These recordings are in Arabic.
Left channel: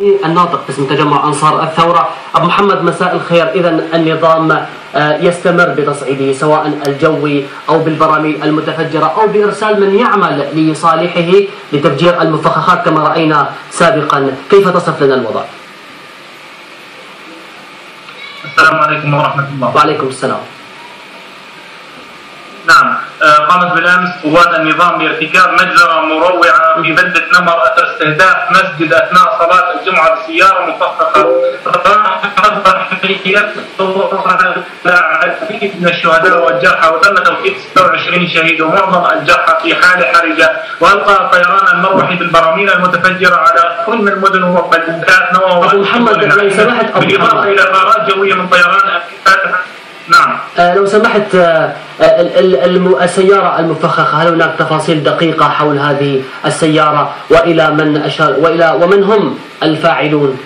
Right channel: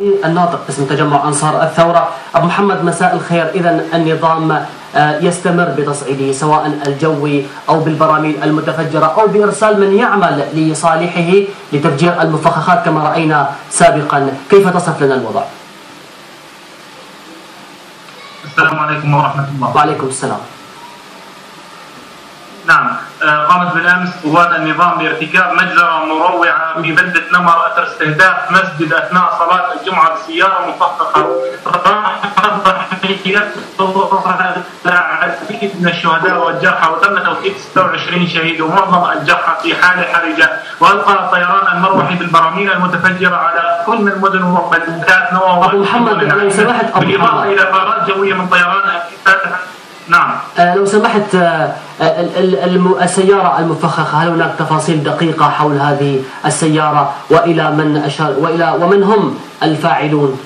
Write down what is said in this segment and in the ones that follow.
الناطق باسم تجمع أنصار الثورة. أبو محمد مساء الخير. إذا النظام يستمر بتصعيده سواء الجوي أو بالبراميل المتفجرة أو بإرسال من يعمل لصالحه لتفجير المفخخات كما رأينا سابقا، كيف تصف لنا الوضع؟ السلام عليكم ورحمة الله. وعليكم السلام. نعم، قامت بالأمس قوات النظام بارتكاب مجزرة مروعة في بلدة نمر أثر استهداف مسجد أثناء صلاة الجمعة بسيارة مفخخة. العديد من الشهداء والجرحى، وتم توفيق 26 شهيد ومعظم الجرحى في حالة حرجة. وألقى الطيران المروحي بالبراميل المتفجرة على كل من المدن وبلدات نوى. أبو محمد لو سمحت، بالإضافة إلى غارات جوية من طيران نعم. لو سمحت، السيارة المفخخة، هل هناك تفاصيل دقيقة حول هذه السيارة وإلى من أشار ومن هم الفاعلون؟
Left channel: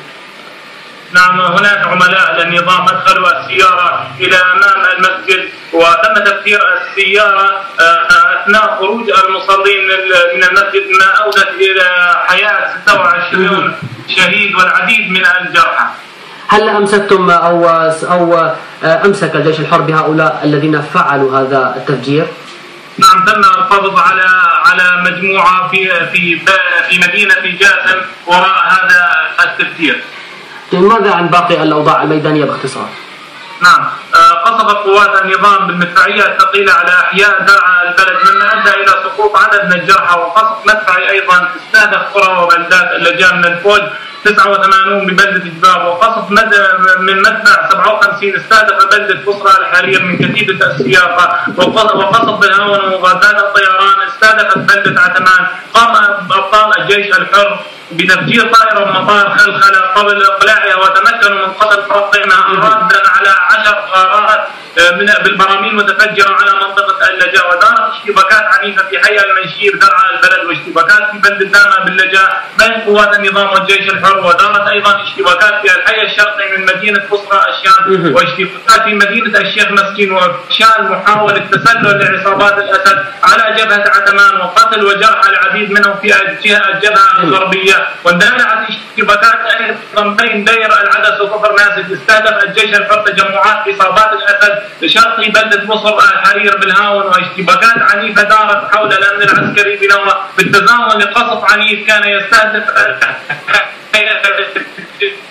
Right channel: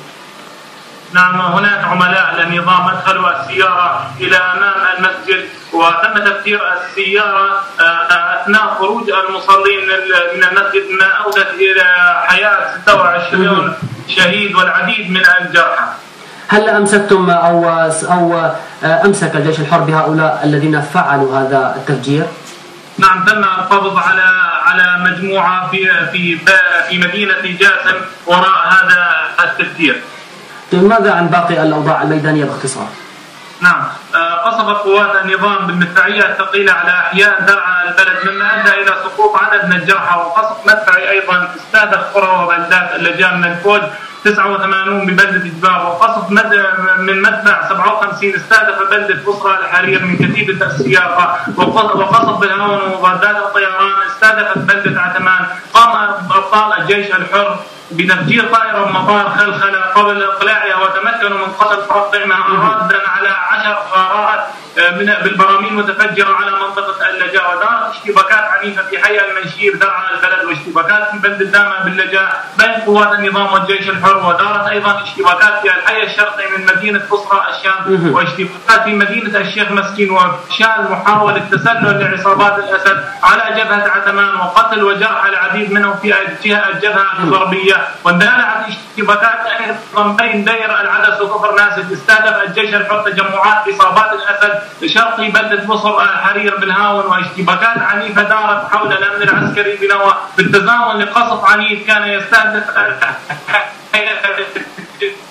نعم، هناك عملاء للنظام أدخلوا السيارة إلى أمام المسجد وتم تفجير السيارة أثناء خروج المصلين من المسجد، ما أودت إلى حياة 26 شهيد والعديد من الجرحى. هل أمسكتم أو أمسك الجيش الحر بهؤلاء الذين فعلوا هذا التفجير؟ نعم، تم القبض على مجموعة في مدينة جاسم وراء هذا التفجير. ماذا عن باقي الأوضاع الميدانية باختصار؟ نعم، قصفت قوات النظام بالمدفعية الثقيلة على أحياء درعا البلد، مما أدى إلى سقوط عدد من الجرحى، وقصف مدفعي أيضا استهدف قرى وبلدات اللجان من الفوج 89 ببلدة جباب، وقصف من مدفع 57 استهدف بلدة بصرة الحرير من كتيبة السياقة، وقصف بالهون ومضادات الطيران استهدفت بلدة عتمان. قام أبطال الجيش الحر بتفجير طائرة من مطار خلخلة قبل إقلاعها، وتمكنوا من قتل فرقها رادا على 10 غارات بالبراميل متفجرة على منطقة اللجاء. ودارت اشتباكات عنيفة في حي المنشير درعا البلد، واشتباكات في بلدة دامة باللجاء بين قوات النظام والجيش الحر. ودارت أيضا اشتباكات في الحي الشرقي من مدينة بصرة الشام، واشتباكات في مدينة الشيخ مسكين، وفشال محاولة تسلل لعصابات الأسد على جبهة عتمان، وقتل وجرح العديد منهم في الجبهة الغربية. واندلعت اشتباكات ايضا بين دير العدس وكفر ناسك، استهدف الجيش الحر تجمعات عصابات الاسد شرقي بلده بصر الحرير بالهاون. واشتباكات عنيفه دارت حول الامن العسكري بنوى بالتزامن لقصف عنيف كان يستهدف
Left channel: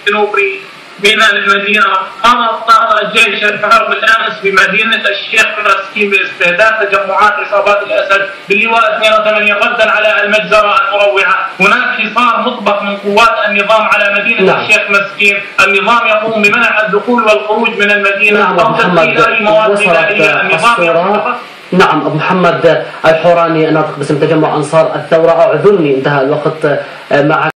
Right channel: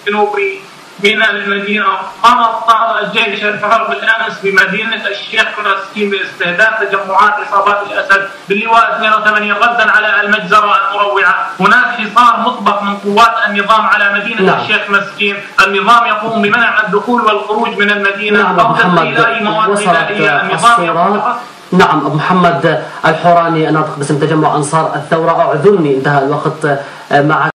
جنوبي من المدينة. قام أبطال الجيش الحر بالأمس بمدينة الشيخ مسكين باستهداف تجمعات عصابات الأسد باللواء 82 ردا على المجزرة المروعة. هناك حصار مطبق من قوات النظام على مدينة الشيخ مسكين. النظام يقوم بمنع الدخول والخروج من المدينة أو تدخيل أي مواد غذائية. نعم، أبو محمد الحوراني الناطق باسم تجمع أنصار الثورة، أعذرني انتهى الوقت معك.